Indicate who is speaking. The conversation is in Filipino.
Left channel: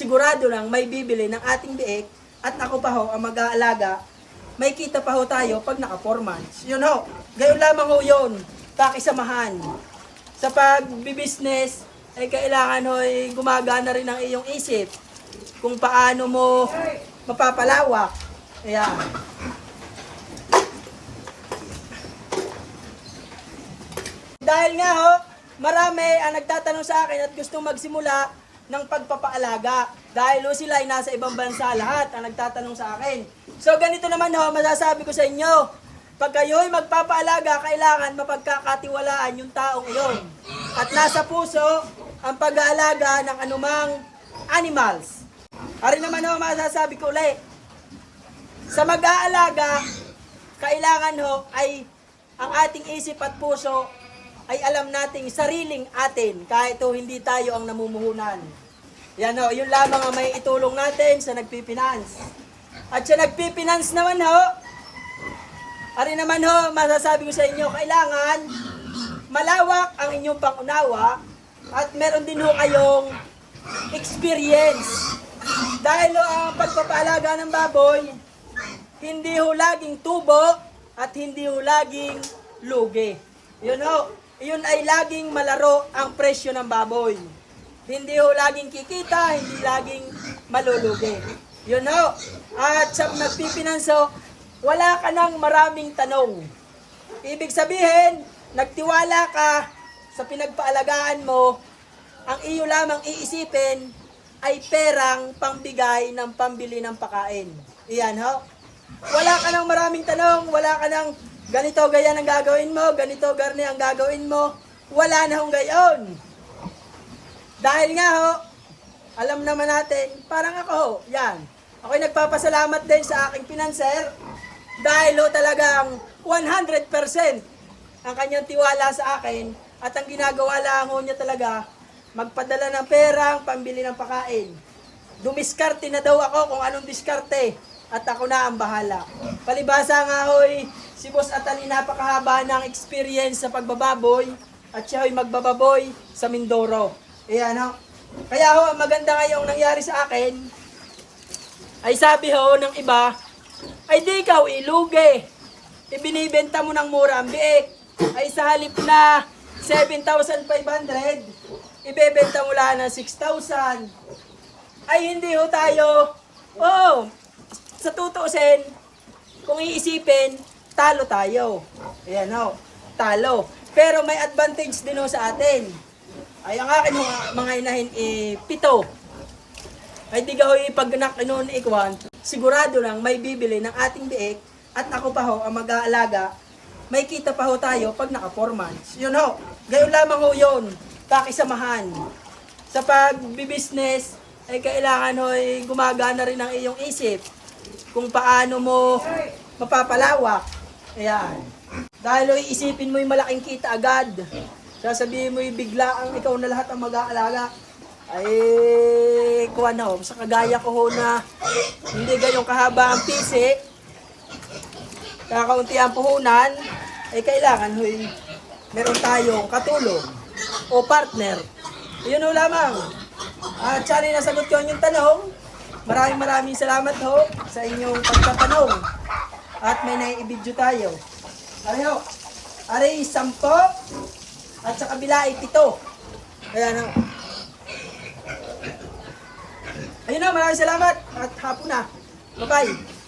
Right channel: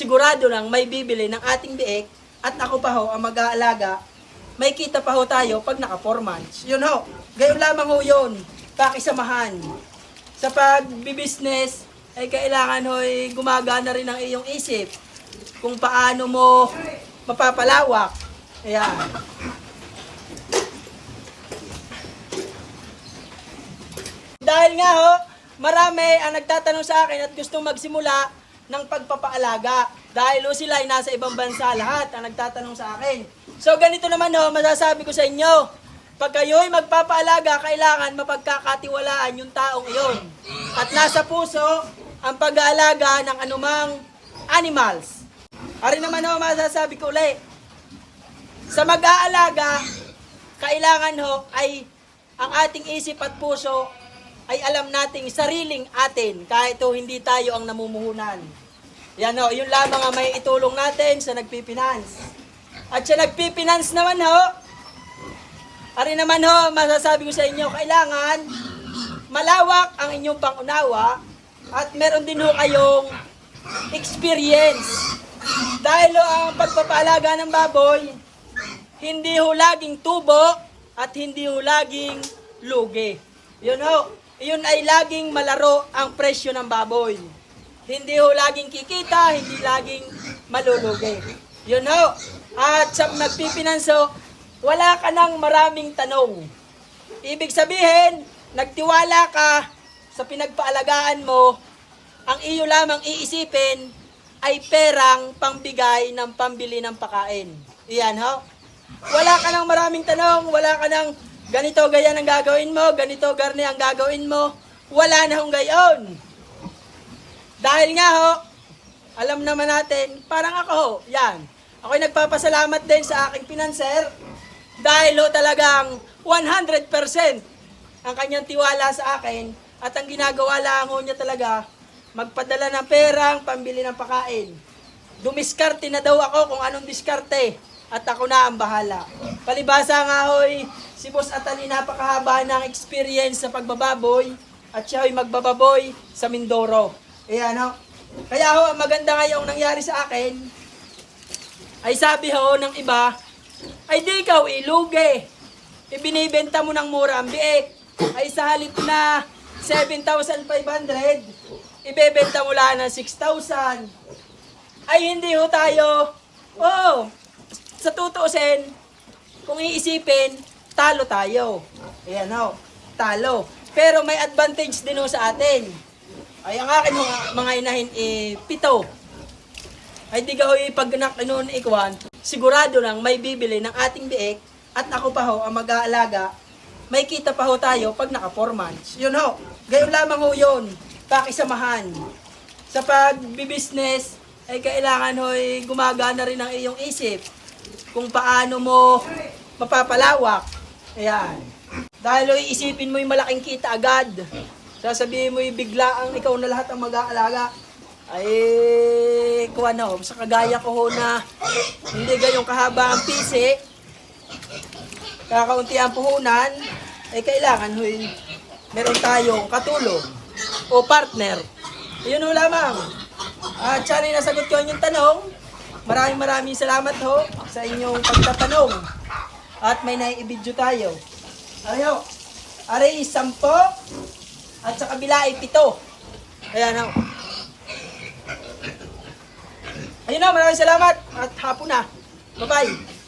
Speaker 1: sigurado lang may bibili ng ating biik at ako pa ho ang mag-aalaga, may kita pa ho tayo pag naka 4 months. Yun ho, gayon lamang ho yun, pakisamahan. Sa pagbibusiness, ay kailangan ho ay gumagana rin ang iyong isip kung paano mo mapapalawak. Ayan. Dahil nga ho, marami ang nagtatanong sa akin at gustong magsimula ng pagpapaalaga. Dahil ho sila ay nasa ibang bansa lahat ang nagtatanong sa akin. So ganito naman ho, masasabi ko sa inyo, pag kayo'y magpapaalaga, kailangan mapagkakatiwalaan yung taong iyon. At nasa puso ang pag-aalaga ng anumang animals. Ari naman ho, masasabi ko ulit, sa mag-aalaga, kailangan ho ay ang ating isip at puso ay alam nating sariling atin kahit ho hindi tayo ang namumuhunan. Yan ho, yun lamang ang may itulong natin sa nagpipinance. At sa nagpipinance naman ho, ari naman ho, masasabi ko sa inyo, kailangan malawak ang inyong pangunawa at meron din ho kayong experience. Dahil ho, ang pagpapaalaga ng baboy, hindi ho laging tubo at hindi ho laging lugi. Yun ho, yun ay laging malaro ang presyo ng baboy. Hindi ho laging kikita, hindi laging malulugi. Yun ho. At sa nagpipinanso, wala ka ng maraming tanong. Ibig sabihin, nagtiwala ka sa pinagpaalagaan mo, ang iyo lamang iisipin ay perang pangbigay ng pambili ng pakain. Iyan ho. Wala ka ng maraming tanong, wala ka ng ganito gaya ang gagawin mo, ganito garni ang gagawin mo. Wala na hong gayon. Dahil nga ho, alam naman natin, parang ako ho, yan. Ako'y nagpapasalamat din sa aking pinanser dahil ho talagang 100% ang kanyang tiwala sa akin at ang ginagawa lang ho niya talaga magpadala ng perang pambili ng pakain. Dumiskarte na daw ako kung anong diskarte at ako na ang bahala. Palibasa nga hoy, si Boss Atani napakahaba ng experience sa pagbababoy at siya ho'y magbababoy sa Mindoro. Ayan ho. Kaya ho, ang maganda ngayong nangyari sa akin, ay sabi ho ng iba, ay di ikaw ilugi. Ibinibenta mo ng mura ang biik. Ay sa halip na 7,500, ibebenta mo lang ng 6,000. Ay hindi ho tayo, oh, sa tutuusin, kung iisipin, talo tayo. Ayan ho, talo. Pero may advantage din ho sa atin. Ay ang akin ho, mga inahin, eh, pito. Ay di ka ho pag nakinoon ikwan, sigurado lang may bibili ng ating biik at ako pa ho ang mag-aalaga, may kita pa ho tayo pag naka 4 months. Yun ho, gayon lamang ho yun, pakisamahan. Sa pagbibusiness, ay kailangan ho ay gumagana rin ang iyong isip kung paano mo mapapalawak. Ayan. Dahil ho, isipin mo yung malaking kita agad. Sasabihin mo yung bigla ang ikaw na lahat ang mag-aalaga ay kuha na ho, sa kagaya ko ho na hindi gayong kahaba ang pisi, kakaunti ang puhunan, ay kailangan ho, meron tayong katulong o partner. Yun ho lamang. At sana nasagot ko inyong tanong. Maraming maraming salamat ho sa inyong pagtatanong. At may naiibidyo tayo. Ari ho, ari sampo at sa kabila ay pito. Ayan ho. Ayun na, maraming salamat at hapon na. Bye-bye.